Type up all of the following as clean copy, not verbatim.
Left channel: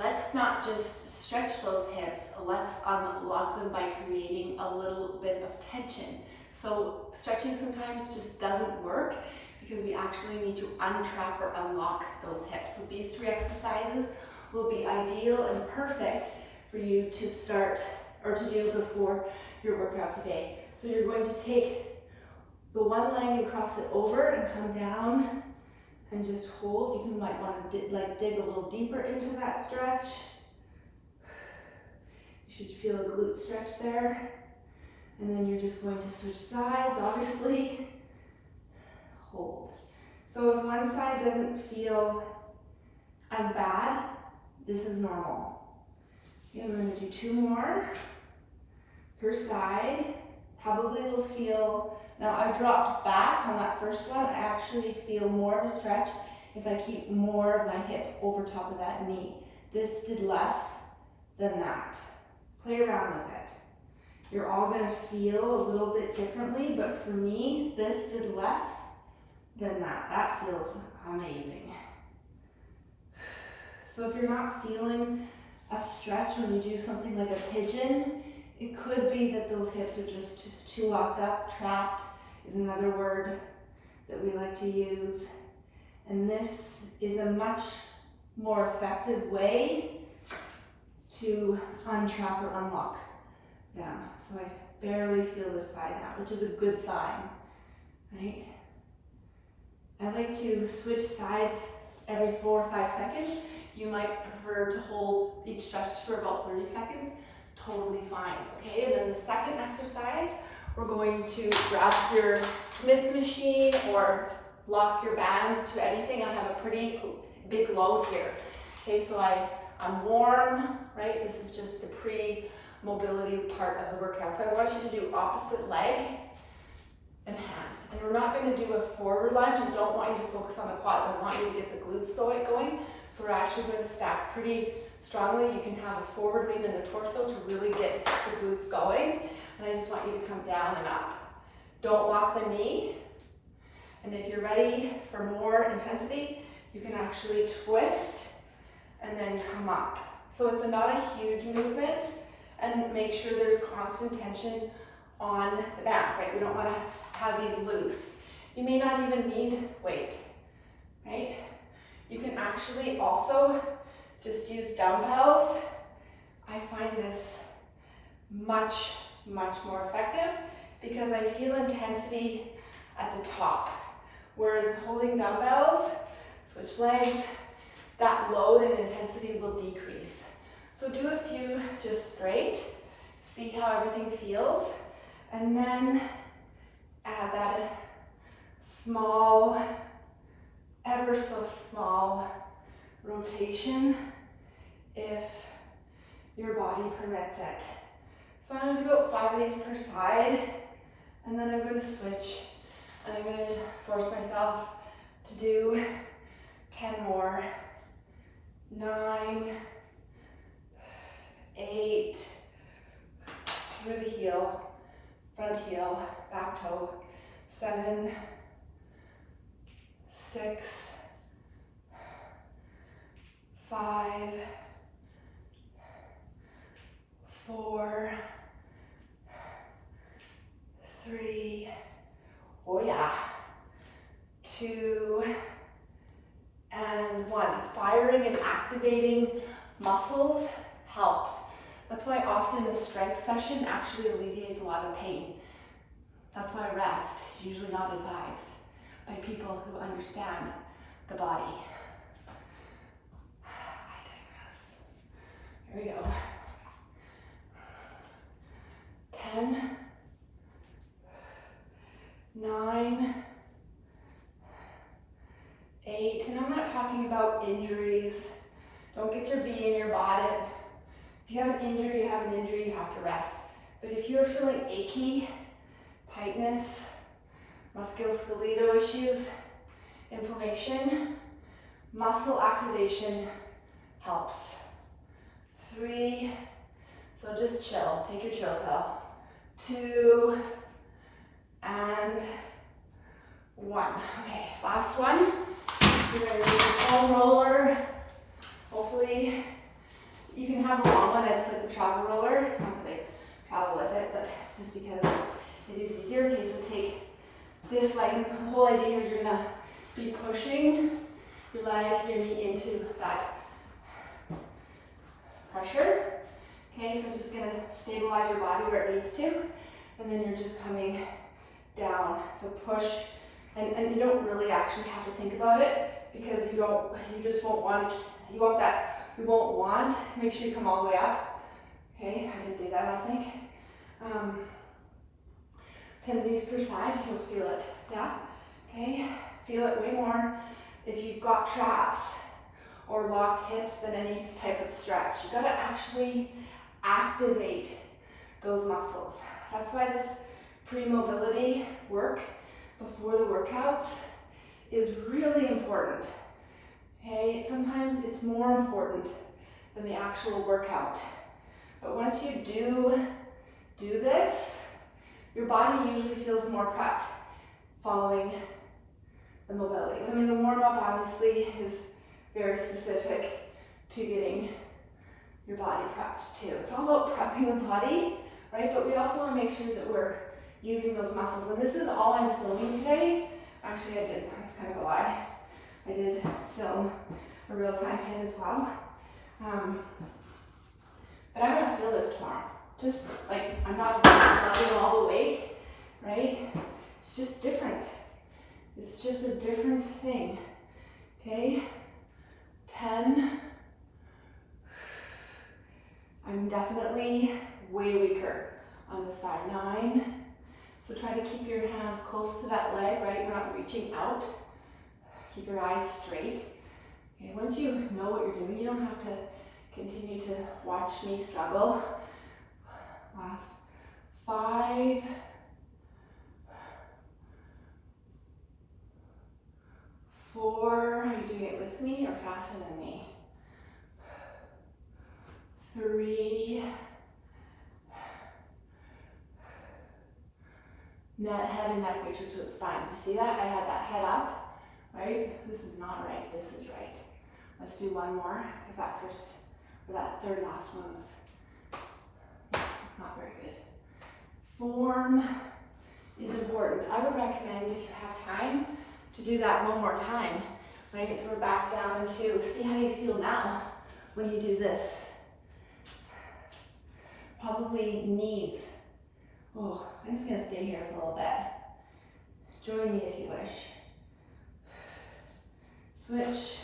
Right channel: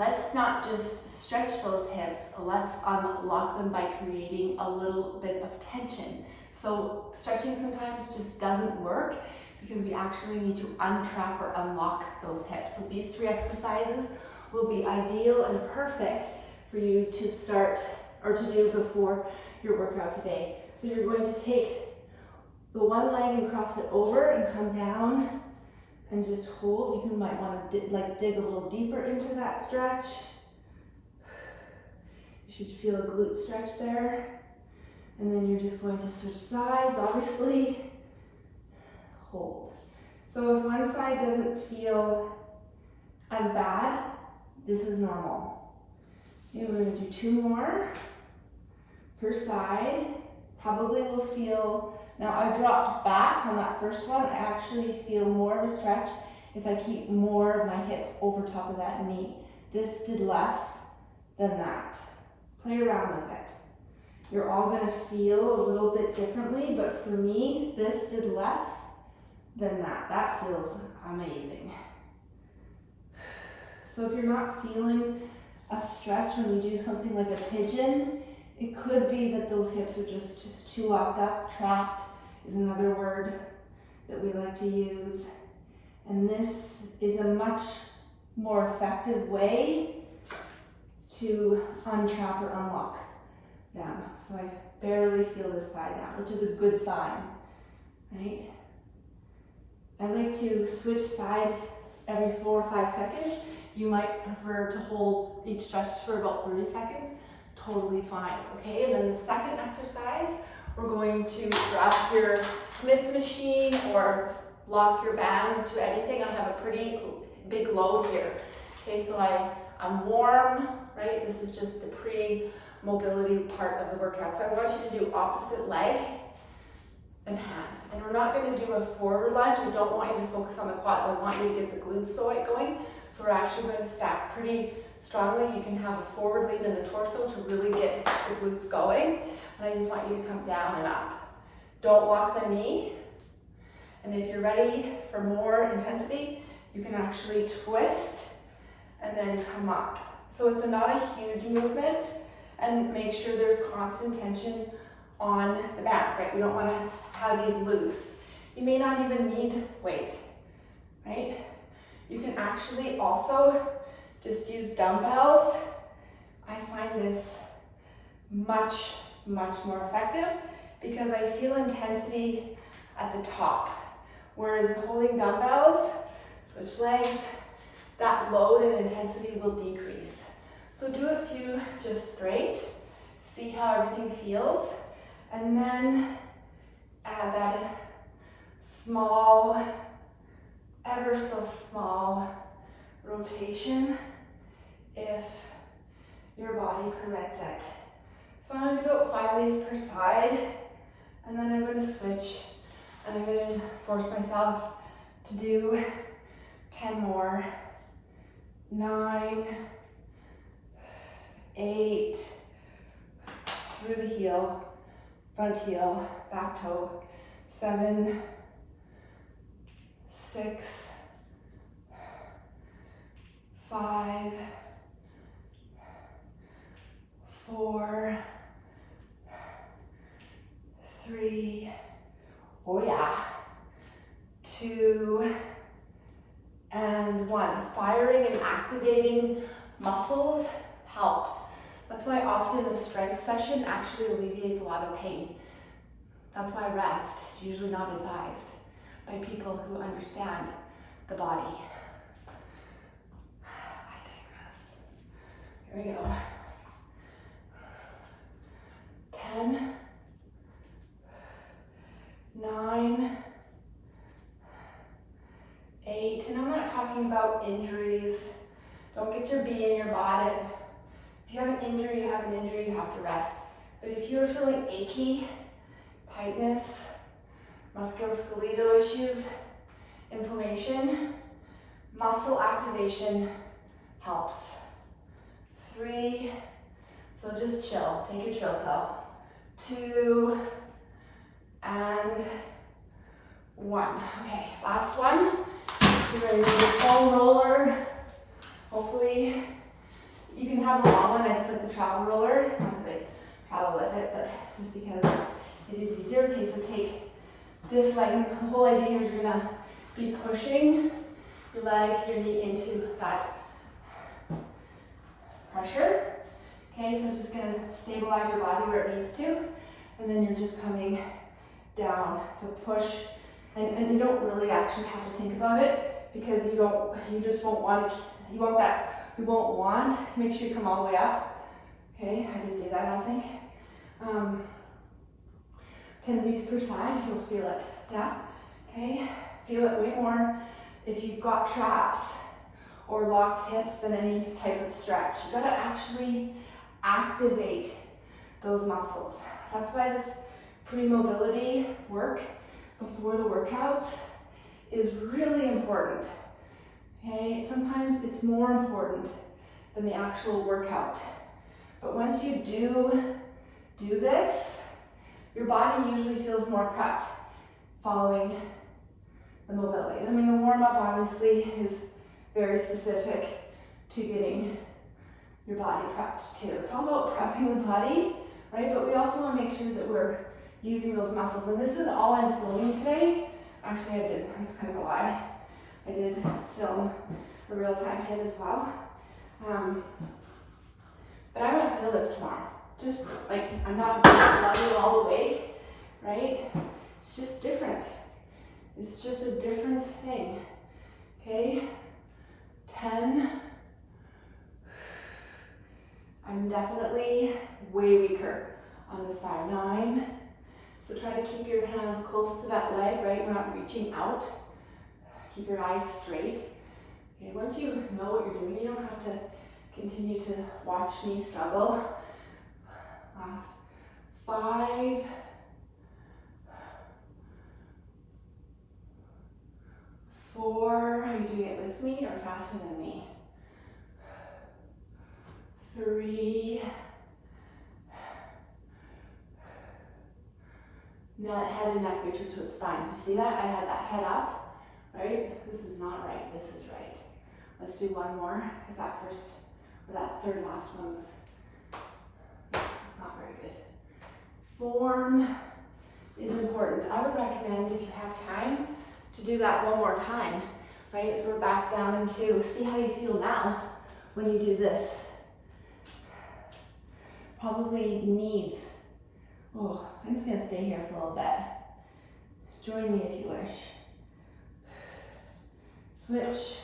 let's not just stretch those hips, let's unlock them by creating a little bit of tension. So stretching sometimes just doesn't work because we actually need to untrap or unlock those hips. So these 3 exercises will be ideal and perfect for you to start or to do before your workout today. So you're going to take the one leg and cross it over and come down and just hold. You might want to dig a little deeper into that stretch. You should feel a glute stretch there. And then you're just going to switch sides, obviously. Hold. So if one side doesn't feel as bad, this is normal. Okay, we're going to do 2 more per side. Probably will feel, now I dropped back on that first one. I actually feel more of a stretch if I keep more of my hip over top of that knee. This did less than that. Play around with it. You're all going to feel a little bit differently, but for me, this did less than that. That feels amazing. So if you're not feeling a stretch when you do something like a pigeon, it could be that those hips are just too locked up. Trapped is another word that we like to use. And this is a much more effective way to untrap or unlock them. So I barely feel this side now, which is a good sign, right? I like to switch sides every 4 or 5 seconds. You might prefer to hold each stretch for about 30 seconds. Totally fine, okay? And then the second exercise, we're going to grab your Smith machine or lock your bands to anything. I have a pretty big load here. Okay, so I'm warm, right? This is just the pre-mobility part of the workout. So I want you to do opposite leg and hand. And we're not going to do a forward lunge. I don't want you to focus on the quads. I want you to get the glutes going. So we're actually going to stack pretty strongly. You can have a forward lean in the torso to really get the glutes going. And I just want you to come down and up. Don't lock the knee. And if you're ready for more intensity, you can actually twist and then come up. So it's not a huge movement, and make sure there's constant tension on the back, right? We don't want to have these loose. You may not even need weight, right? You can actually also just use dumbbells. I find this much more effective because I feel intensity at the top. Whereas holding dumbbells, switch legs, that load and intensity will decrease. So do a few just straight, see how everything feels, and then add that small, ever so small rotation if your body permits it. So I'm going to do about 5 of these per side, and then I'm going to switch, and I'm going to force myself to do 10 more. 9, 8, through the heel, front heel, back toe, 7, 6, 5, 4, 3, oh yeah, 2, and 1. Firing and activating muscles helps. That's why often a strength session actually alleviates a lot of pain. That's why rest is usually not advised by people who understand the body. I digress. Here we go. 10, 9, 8, and I'm not talking about injuries. Don't get your bee in your body. If you have an injury, you have to rest. But if you're feeling achy, tightness, musculoskeletal issues, inflammation, muscle activation helps. 3, so just chill, take your chill pill. 2, and 1. Okay, last one. You're going to do the foam roller. Hopefully can have a long one. I just like the travel roller. I don't say travel with it, but just because it is easier. Okay, so take this leg, and the whole idea here is you're gonna be pushing your leg, your knee into that pressure. Okay, so it's just gonna stabilize your body where it needs to, and then you're just coming down. So push, and you don't really actually have to think about it because you just won't want, make sure you come all the way up. Okay, I didn't do that, I don't think. 10 of these per side, you'll feel it, yeah? Okay, feel it way more if you've got traps or locked hips than any type of stretch. You gotta actually activate those muscles. That's why this pre-mobility work before the workouts is really important. Okay, sometimes it's more important than the actual workout. But once you do this, your body usually feels more prepped following the mobility. I mean, the warm-up obviously is very specific to getting your body prepped too. It's all about prepping the body, right? But we also want to make sure that we're using those muscles. And this is all I'm filming today. Actually, I did. That's kind of a lie. I did film a real-time hit as well. But I'm going to feel this tomorrow. Just like, I'm not letting all the weight, right? It's just different. It's just a different thing. Okay? 10. I'm definitely way weaker on this side. 9. So try to keep your hands close to that leg, right? We're not reaching out. Keep your eyes straight. Okay, once you know what you're doing, you don't have to continue to watch me struggle. Last 5. 4. Are you doing it with me or faster than me? 3. Head and neck matrix with spine. You see that? I had that head up, right? This is not right. This is right. Let's do one more because that third last one was not very good. Form is important. I would recommend, if you have time, to do that one more time, right? So we're back down into, see how you feel now when you do this. Probably needs, I'm just gonna stay here for a little bit. Join me if you wish. Switch.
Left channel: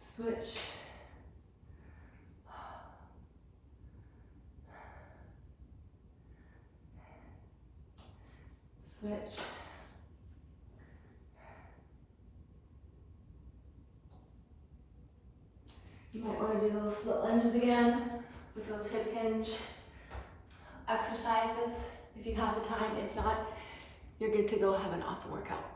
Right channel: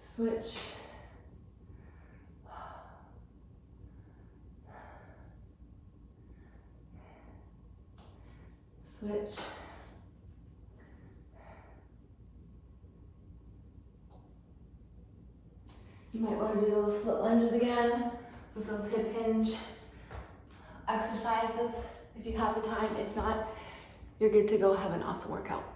Switch. Switch. You might want to do those split lunges again with those hip hinge exercises if you have the time. If not, you're good to go. Have an awesome workout.